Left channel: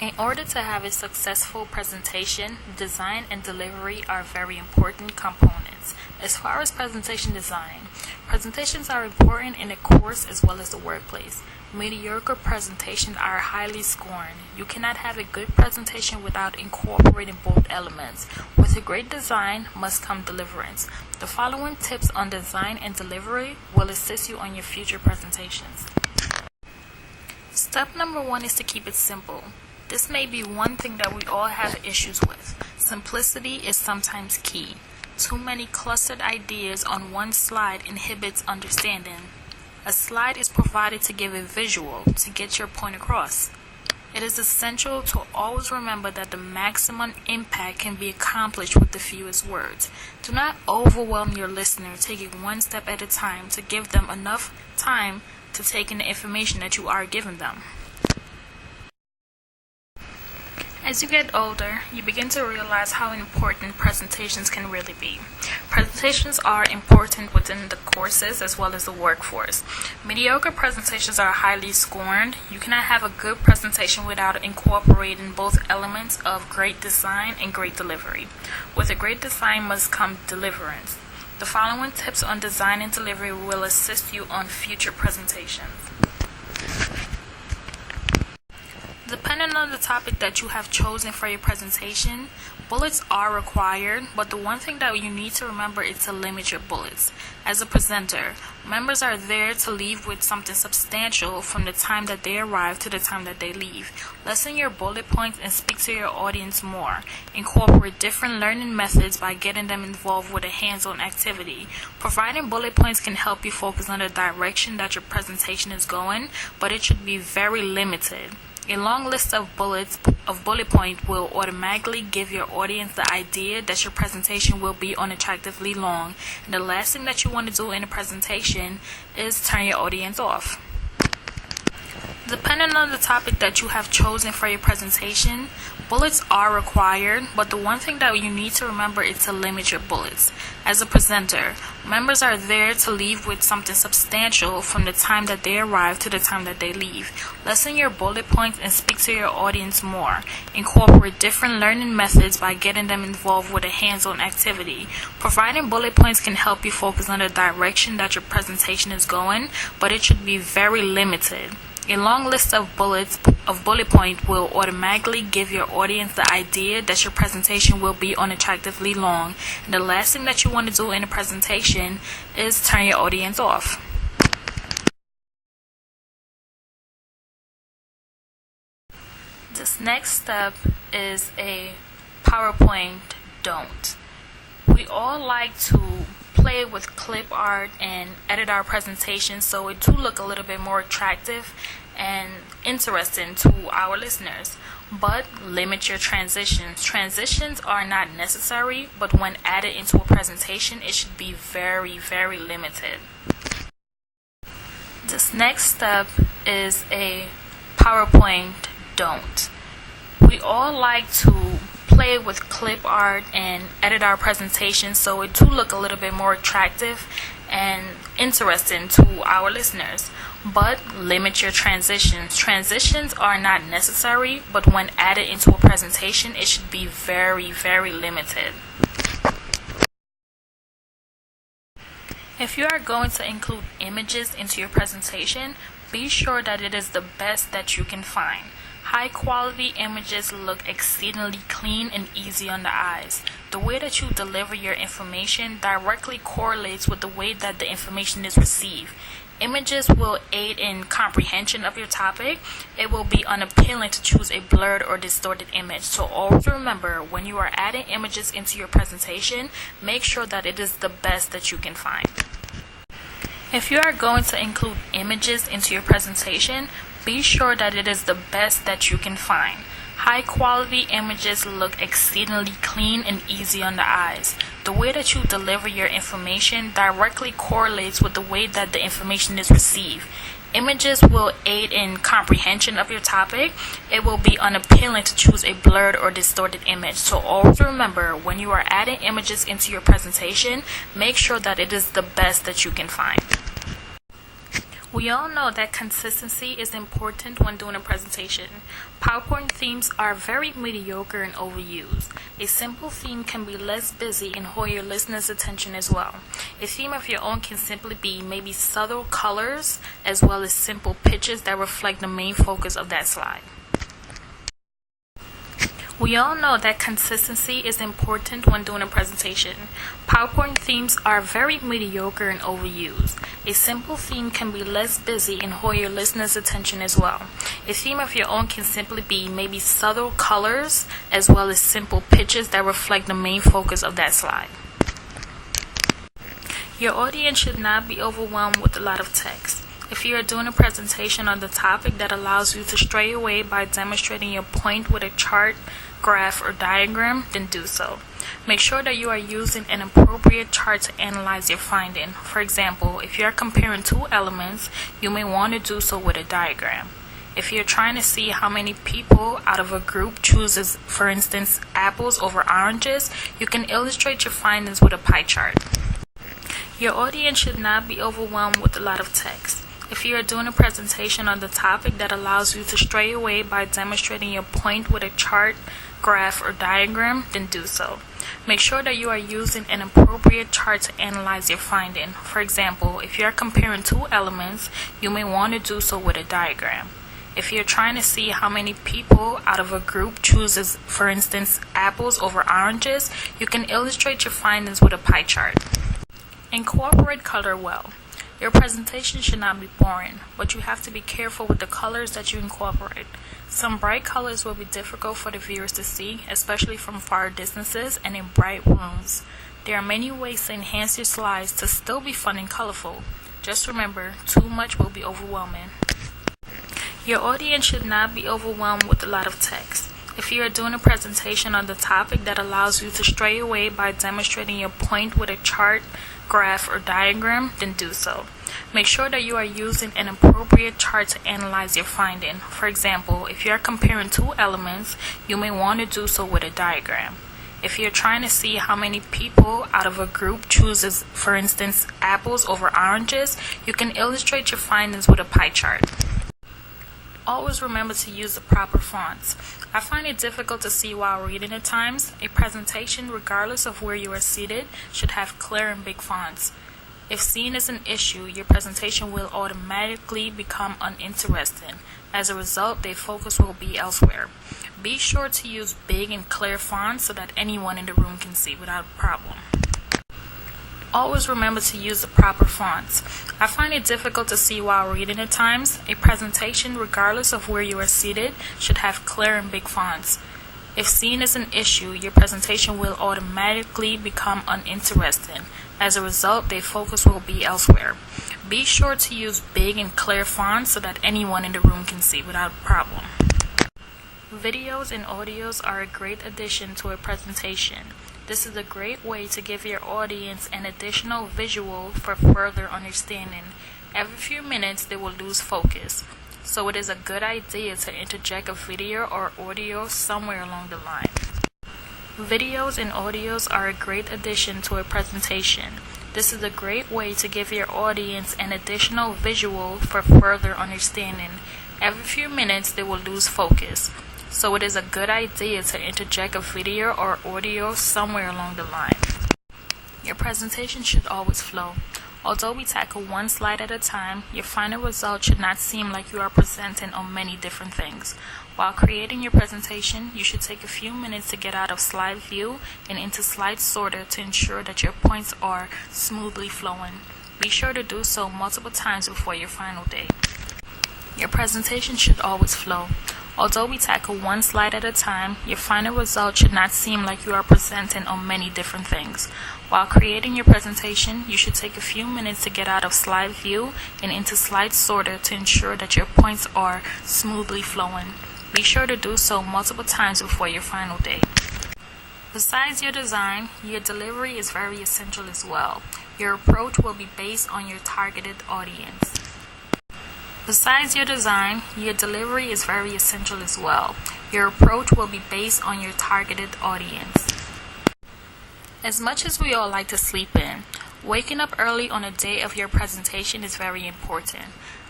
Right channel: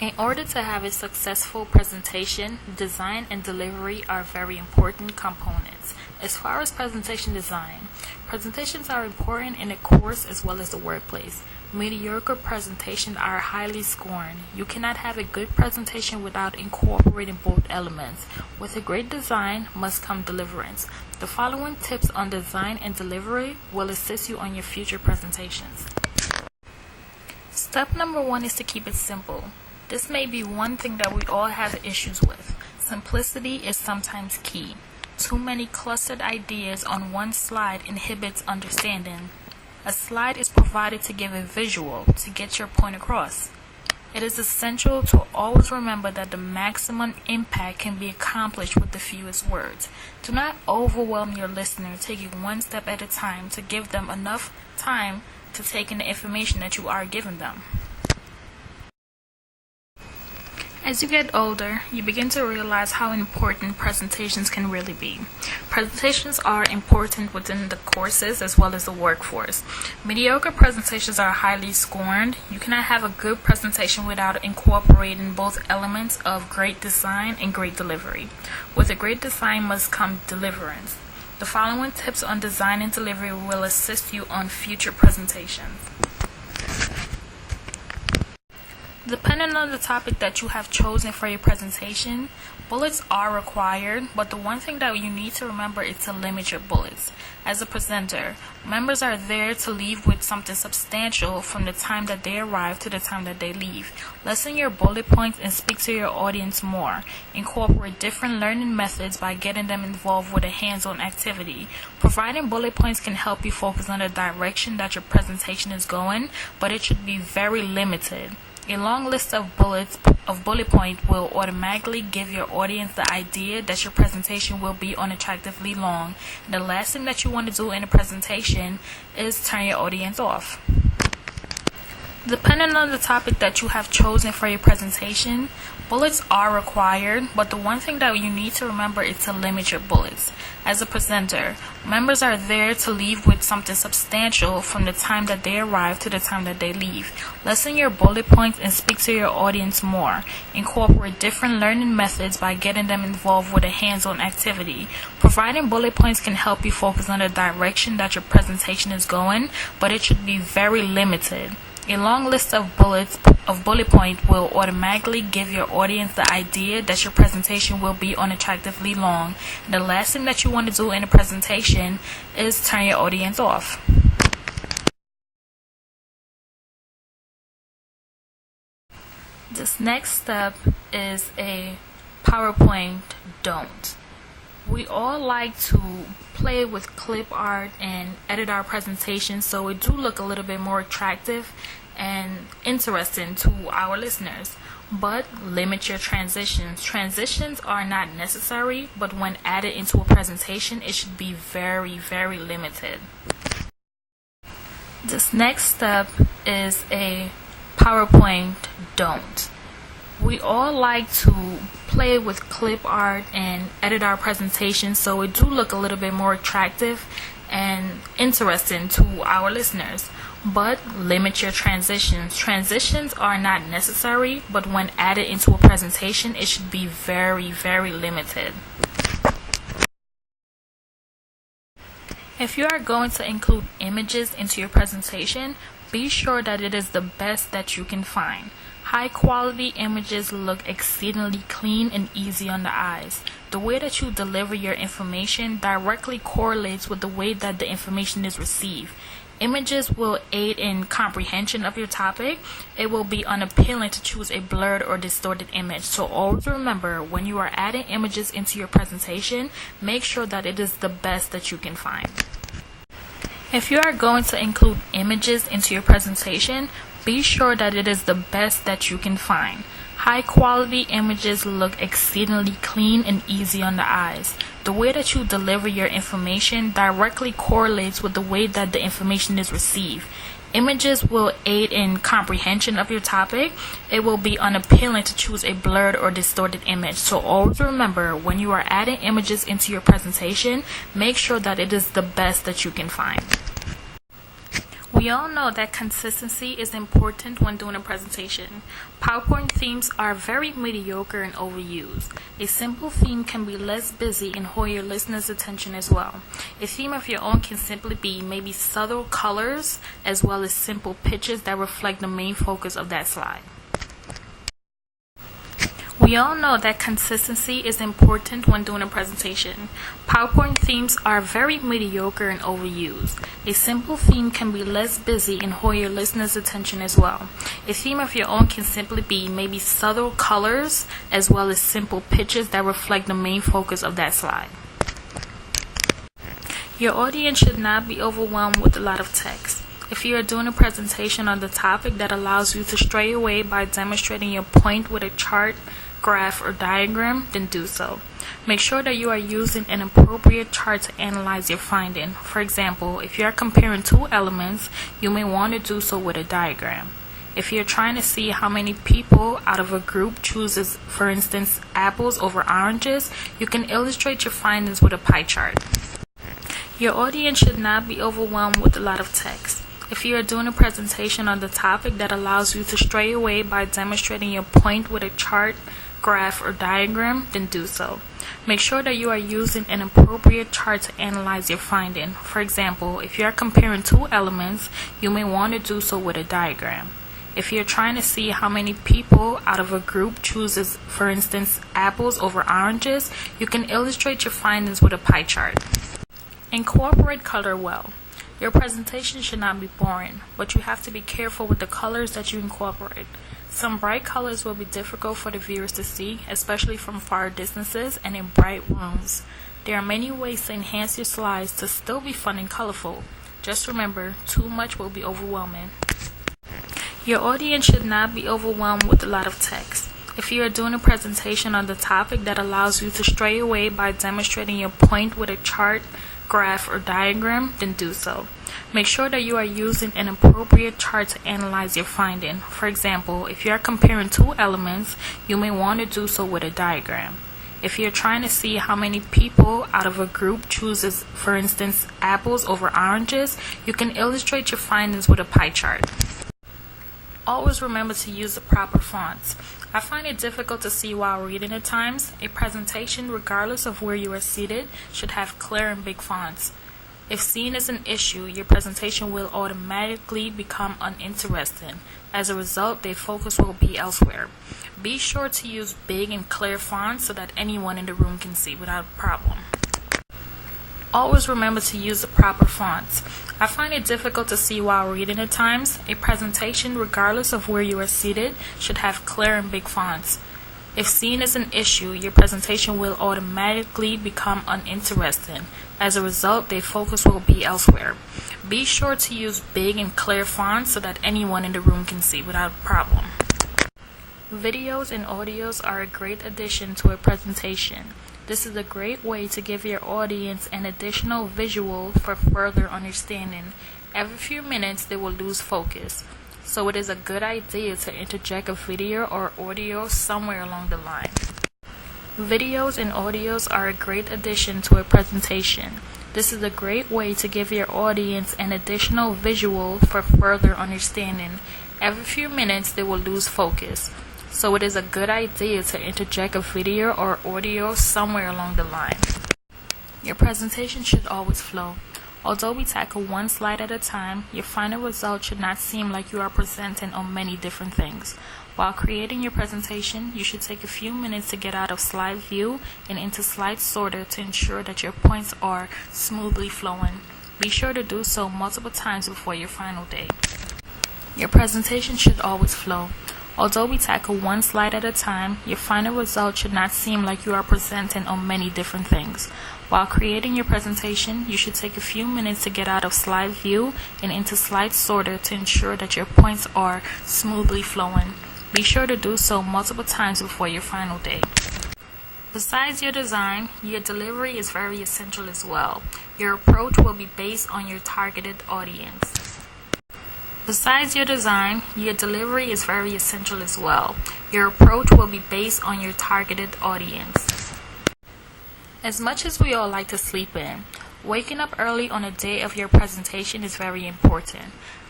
In order to have a successful presentation, design and delivery are very important components. As far as presentation design, presentations are important in the course as well as the workplace. Mediocre presentations are highly scorned. You cannot have a good presentation without incorporating both elements. With a great design must come deliverance. The following tips on design and delivery will assist you on your future presentations. Step number 1 is to keep it simple. This may be one thing that we all have issues with. Simplicity is sometimes key. Too many clustered ideas on one slide inhibits understanding. A slide is provided to give a visual, to get your point across. It is essential to always remember that the maximum impact can be accomplished with the fewest words. Do not overwhelm your listener, taking one step at a time to give them enough time to take in the information that you are giving them. As you get older, you begin to realize how important presentations can really be. Presentations are important within the courses as well as the workforce. Mediocre presentations are highly scorned. You cannot have a good presentation without incorporating both elements of great design and great delivery. With a great design must come deliverance. The following tips on design and delivery will assist you on future presentations. Depending on the topic that you have chosen for your presentation, bullets are required, but the one thing that you need to remember is to limit your bullets. As a presenter, members are there to leave with something substantial from the time that they arrive to the time that they leave. Lessen your bullet points and speak to your audience more. Incorporate different learning methods by getting them involved with a hands-on activity. Providing bullet points can help you focus on the direction that your presentation is going, but it should be very limited. A long list of bullet points will automatically give your audience the idea that your presentation will be unattractively long. And the last thing that you want to do in a presentation is turn your audience off. Depending on the topic that you have chosen for your presentation, bullets are required, but the one thing that you need to remember is to limit your bullets. As a presenter, members are there to leave with something substantial from the time that they arrive to the time that they leave. Lessen your bullet points and speak to your audience more. Incorporate different learning methods by getting them involved with a hands-on activity. Providing bullet points can help you focus on the direction that your presentation is going, but it should be very limited. A long list of bullet points will automatically give your audience the idea that your presentation will be unattractively long. And the last thing that you want to do in a presentation is turn your audience off. This next step is a PowerPoint don't. We all like to play with clip art and edit our presentations so it do look a little bit more attractive and interesting to our listeners. But limit your transitions. Transitions are not necessary, but when added into a presentation, it should be very, very limited. This next step is a PowerPoint don't. We all like to play with clip art and edit our presentations so it do look a little bit more attractive and interesting to our listeners. But limit your transitions. Transitions are not necessary, but when added into a presentation, it should be very, very limited. If you are going to include images into your presentation, be sure that it is the best that you can find. High quality images look exceedingly clean and easy on the eyes. The way that you deliver your information directly correlates with the way that the information is received. Images will aid in comprehension of your topic. It will be unappealing to choose a blurred or distorted image. So always remember, when you are adding images into your presentation, make sure that it is the best that you can find. If you are going to include images into your presentation, be sure that it is the best that you can find. High quality images look exceedingly clean and easy on the eyes. The way that you deliver your information directly correlates with the way that the information is received. Images will aid in comprehension of your topic. It will be unappealing to choose a blurred or distorted image. So always remember, when you are adding images into your presentation, make sure that it is the best that you can find. We all know that consistency is important when doing a presentation. PowerPoint themes are very mediocre and overused. A simple theme can be less busy and hold your listeners' attention as well. A theme of your own can simply be maybe subtle colors as well as simple pictures that reflect the main focus of that slide. We all know that consistency is important when doing a presentation. PowerPoint themes are very mediocre and overused. A simple theme can be less busy and hold your listeners' attention as well. A theme of your own can simply be maybe subtle colors as well as simple pictures that reflect the main focus of that slide. Your audience should not be overwhelmed with a lot of text. If you are doing a presentation on the topic that allows you to stray away by demonstrating your point with a chart, graph, or diagram, then do so. Make sure that you are using an appropriate chart to analyze your finding. For example, if you are comparing two elements, you may want to do so with a diagram. If you're trying to see how many people out of a group chooses, for instance, apples over oranges, you can illustrate your findings with a pie chart. Your audience should not be overwhelmed with a lot of text. If you are doing a presentation on the topic that allows you to stray away by demonstrating your point with a chart, graph, or diagram, then do so. Make sure that you are using an appropriate chart to analyze your finding. For example, if you are comparing two elements, you may want to do so with a diagram. If you're trying to see how many people out of a group chooses, for instance, apples over oranges, you can illustrate your findings with a pie chart. Incorporate color well. Your presentation should not be boring, but you have to be careful with the colors that you incorporate. Some bright colors will be difficult for the viewers to see, especially from far distances and in bright rooms. There are many ways to enhance your slides to still be fun and colorful. Just remember, too much will be overwhelming. Your audience should not be overwhelmed with a lot of text. If you are doing a presentation on the topic that allows you to stray away by demonstrating your point with a chart, graph, or diagram, then do so. Make sure that you are using an appropriate chart to analyze your finding. For example, if you are comparing two elements, you may want to do so with a diagram. If you're trying to see how many people out of a group chooses, for instance, apples over oranges, you can illustrate your findings with a pie chart. Always remember to use the proper fonts. I find it difficult to see while reading at times. A presentation, regardless of where you are seated, should have clear and big fonts. If seen as an issue, your presentation will automatically become uninteresting. As a result, their focus will be elsewhere. Be sure to use big and clear fonts so that anyone in the room can see without a problem. Always remember to use the proper fonts. I find it difficult to see while reading at times. A presentation, regardless of where you are seated, should have clear and big fonts. If seen as an issue, your presentation will automatically become uninteresting. As a result, their focus will be elsewhere. Be sure to use big and clear fonts so that anyone in the room can see without a problem. Videos and audios are a great addition to a presentation. This is a great way to give your audience an additional visual for further understanding. Every few minutes, they will lose focus. So it is a good idea to interject a video or audio somewhere along the line. Videos and audios are a great addition to a presentation. This is a great way to give your audience an additional visual for further understanding. Every few minutes, they will lose focus. So it is a good idea to interject a video or audio somewhere along the line. Your presentation should always flow. Although we tackle one slide at a time, your final result should not seem like you are presenting on many different things. While creating your presentation, you should take a few minutes to get out of slide view and into slide sorter to ensure that your points are smoothly flowing. Be sure to do so multiple times before your final day. Your presentation should always flow. Although we tackle one slide at a time, your final result should not seem like you are presenting on many different things. While creating your presentation, you should take a few minutes to get out of slide view and into slide sorter to ensure that your points are smoothly flowing. Be sure to do so multiple times before your final day. Besides your design, your delivery is very essential as well. Your approach will be based on your targeted audience. Besides your design, your delivery is very essential as well. Your approach will be based on your targeted audience. As much as we all like to sleep in, waking up early on the day of your presentation is very important.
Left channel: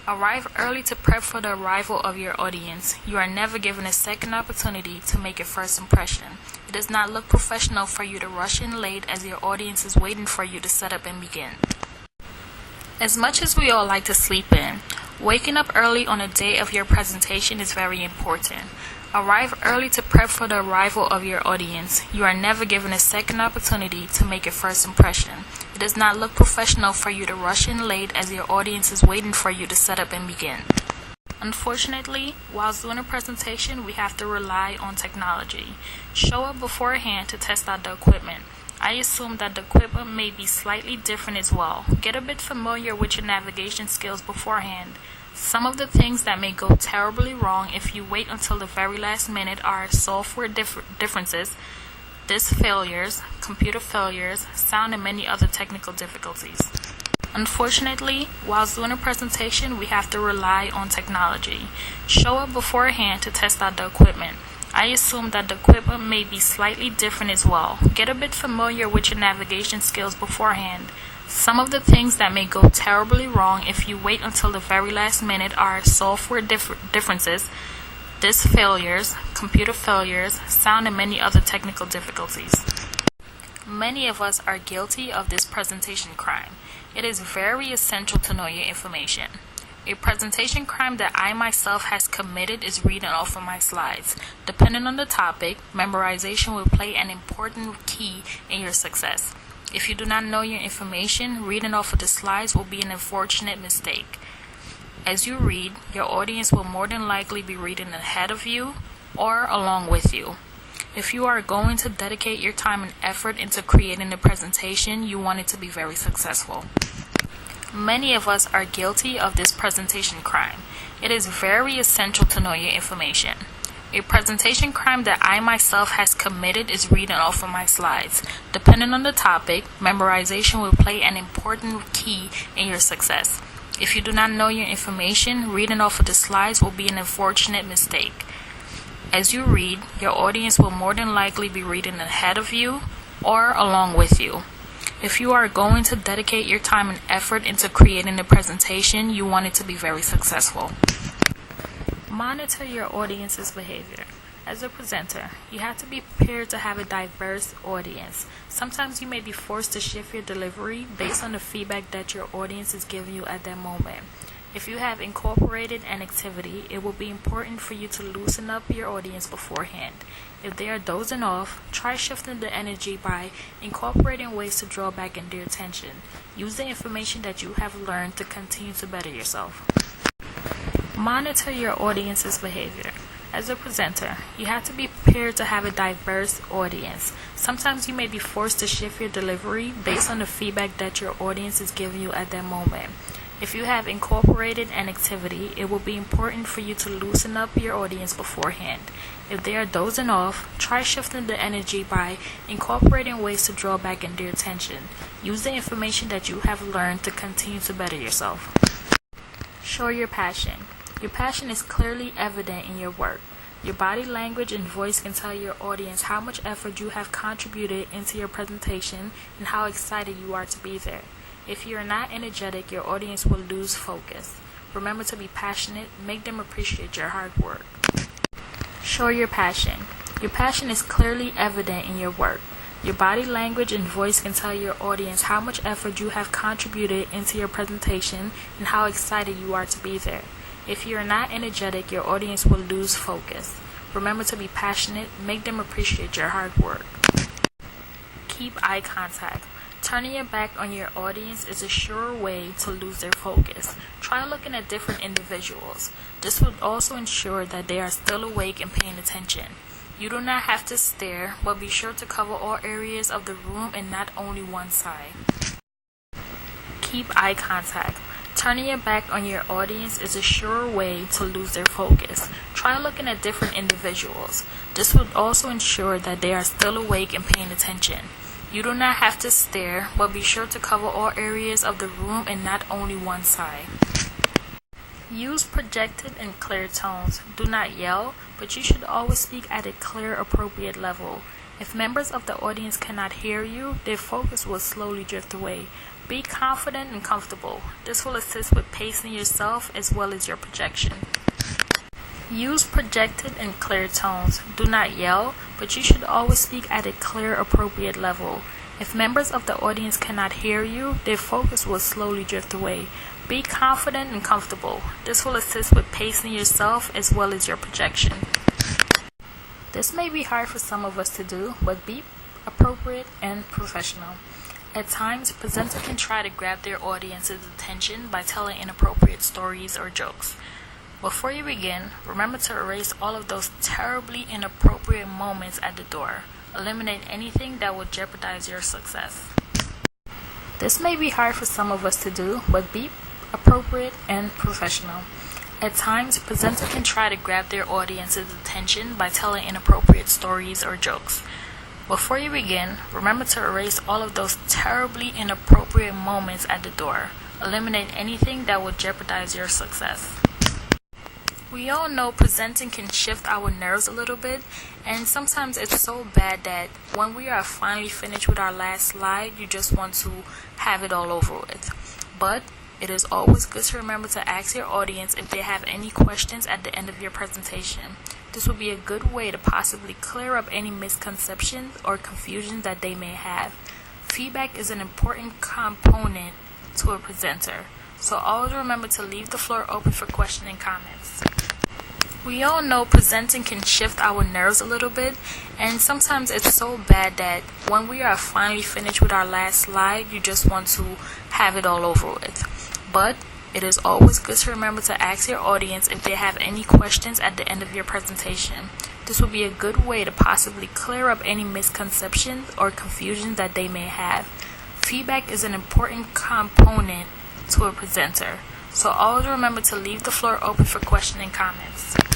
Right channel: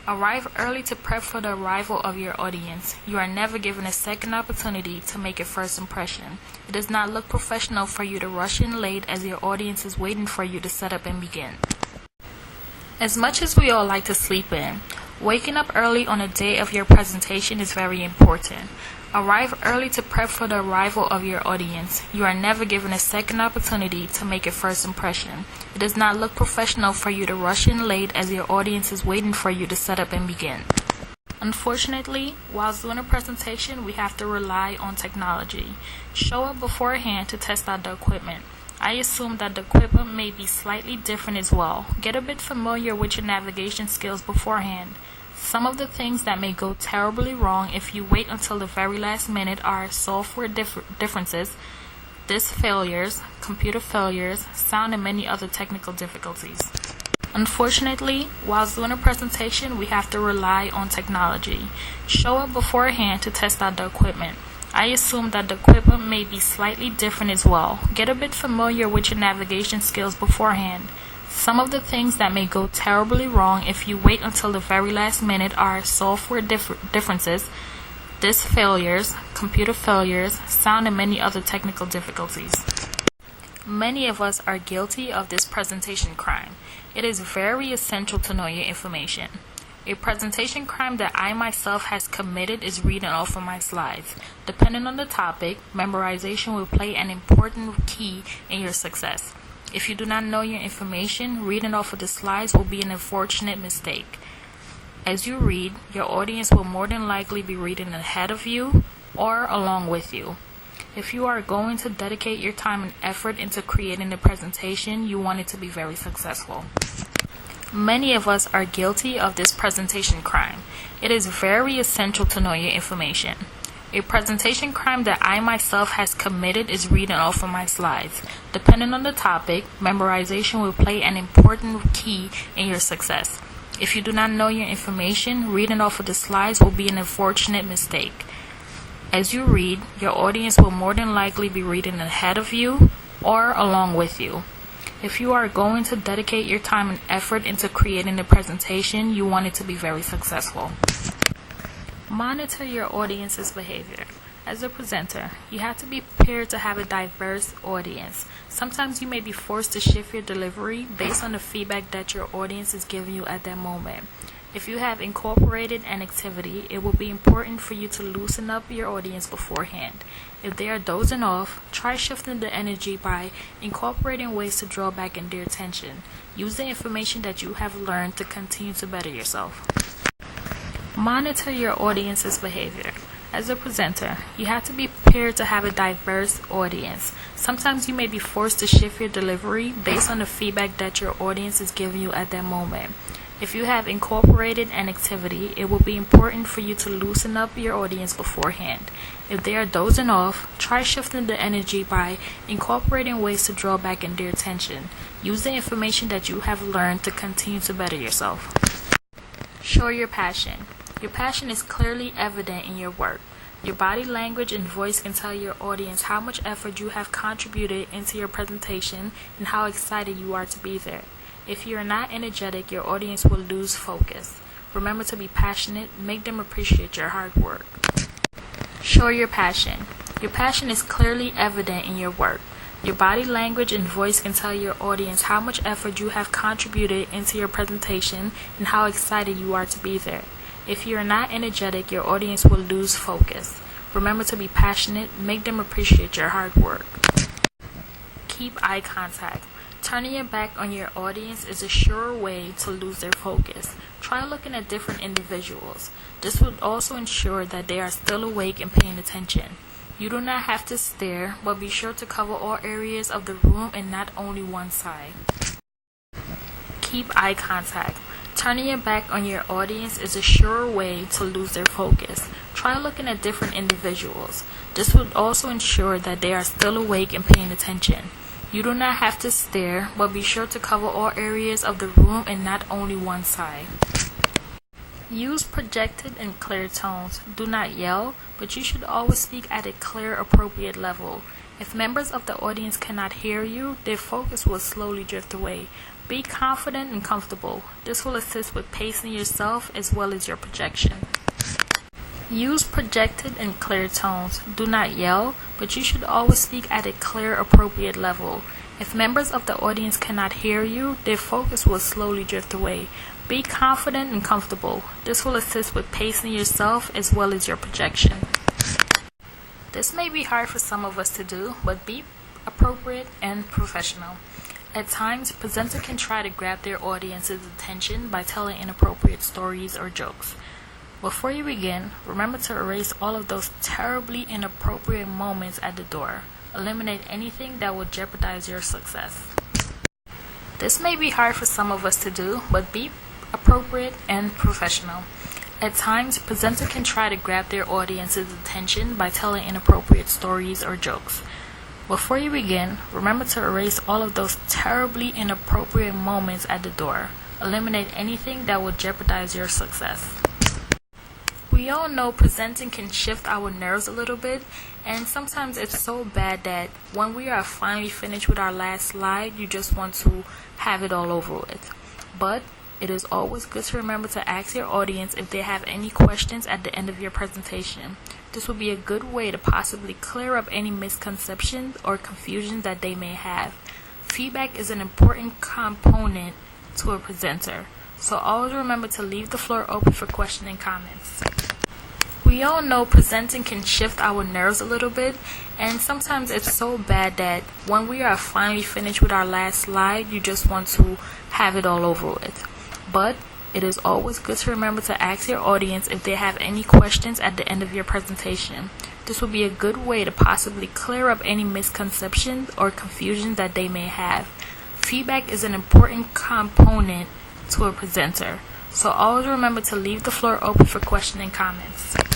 Arrive early to prep for the arrival of your audience. You are never given a second opportunity to make a first impression. It does not look professional for you to rush in late as your audience is waiting for you to set up and begin. As much as we all like to sleep in, waking up early on the day of your presentation is very important. Arrive early to prep for the arrival of your audience. You are never given a second opportunity to make a first impression. It does not look professional for you to rush in late as your audience is waiting for you to set up and begin. Unfortunately, while doing a presentation, we have to rely on technology. Show up beforehand to test out the equipment. I assume that the equipment may be slightly different as well. Get a bit familiar with your navigation skills beforehand. Some of the things that may go terribly wrong if you wait until the very last minute are software differences, disk failures, computer failures, sound, and many other technical difficulties. Unfortunately, while doing a presentation, we have to rely on technology. Show up beforehand to test out the equipment. I assume that the equipment may be slightly different as well. Get a bit familiar with your navigation skills beforehand. Some of the things that may go terribly wrong if you wait until the very last minute are software differences, disk failures, computer failures, sound, and many other technical difficulties. Many of us are guilty of this presentation crime. It is very essential to know your information. A presentation crime that I myself has committed is reading off of my slides. Depending on the topic, memorization will play an important key in your success. If you do not know your information, reading off of the slides will be an unfortunate mistake. As you read, your audience will more than likely be reading ahead of you or along with you. If you are going to dedicate your time and effort into creating the presentation, you want it to be very successful. Many of us are guilty of this presentation crime. It is very essential to know your information. A presentation crime that I myself has committed is reading off of my slides. Depending on the topic, memorization will play an important key in your success. If you do not know your information, reading off of the slides will be an unfortunate mistake. As you read, your audience will more than likely be reading ahead of you or along with you. If you are going to dedicate your time and effort into creating the presentation, you want it to be very successful. Monitor your audience's behavior. As a presenter, you have to be prepared to have a diverse audience. Sometimes you may be forced to shift your delivery based on the feedback that your audience is giving you at that moment. If you have incorporated an activity, it will be important for you to loosen up your audience beforehand. If they are dozing off, try shifting the energy by incorporating ways to draw back in their attention. Use the information that you have learned to continue to better yourself. Monitor your audience's behavior. As a presenter, you have to be prepared to have a diverse audience. Sometimes you may be forced to shift your delivery based on the feedback that your audience is giving you at that moment. If you have incorporated an activity, it will be important for you to loosen up your audience beforehand. If they are dozing off, try shifting the energy by incorporating ways to draw back in their attention. Use the information that you have learned to continue to better yourself. Show your passion. Your passion is clearly evident in your work. Your body language and voice can tell your audience how much effort you have contributed into your presentation and how excited you are to be there. If you are not energetic, your audience will lose focus. Remember to be passionate. Make them appreciate your hard work. Show your passion. Your passion is clearly evident in your work. Your body language and voice can tell your audience how much effort you have contributed into your presentation and how excited you are to be there. If you are not energetic, your audience will lose focus. Remember to be passionate. Make them appreciate your hard work. Keep eye contact. Turning your back on your audience is a sure way to lose their focus. Try looking at different individuals. This will also ensure that they are still awake and paying attention. You do not have to stare, but be sure to cover all areas of the room and not only one side. Keep eye contact. Turning your back on your audience is a sure way to lose their focus. Try looking at different individuals. This will also ensure that they are still awake and paying attention. You do not have to stare, but be sure to cover all areas of the room and not only one side. Use projected and clear tones. Do not yell, but you should always speak at a clear, appropriate level. If members of the audience cannot hear you, their focus will slowly drift away. Be confident and comfortable. This will assist with pacing yourself as well as your projection. Use projected and clear tones. Do not yell, but you should always speak at a clear, appropriate level. If members of the audience cannot hear you, their focus will slowly drift away. Be confident and comfortable. This will assist with pacing yourself as well as your projection. This may be hard for some of us to do, but be appropriate and professional. At times, presenters can try to grab their audience's attention by telling inappropriate stories or jokes. Before you begin, remember to erase all of those terribly inappropriate moments at the door. Eliminate anything that would jeopardize your success. This may be hard for some of us to do, but be appropriate and professional. At times, presenters can try to grab their audience's attention by telling inappropriate stories or jokes. Before you begin, remember to erase all of those terribly inappropriate moments at the door. Eliminate anything that would jeopardize your success. We all know presenting can shift our nerves a little bit, and sometimes it's so bad that when we are finally finished with our last slide, you just want to have it all over with. But it is always good to remember to ask your audience if they have any questions at the end of your presentation. This will be a good way to possibly clear up any misconceptions or confusion that they may have. Feedback is an important component to a presenter, so always remember to leave the floor open for questions and comments. We all know presenting can shift our nerves a little bit, and sometimes it's so bad that when we are finally finished with our last slide, you just want to have it all over with. But it is always good to remember to ask your audience if they have any questions at the end of your presentation. This will be a good way to possibly clear up any misconceptions or confusion that they may have. Feedback is an important component to a presenter, so always remember to leave the floor open for questions and comments.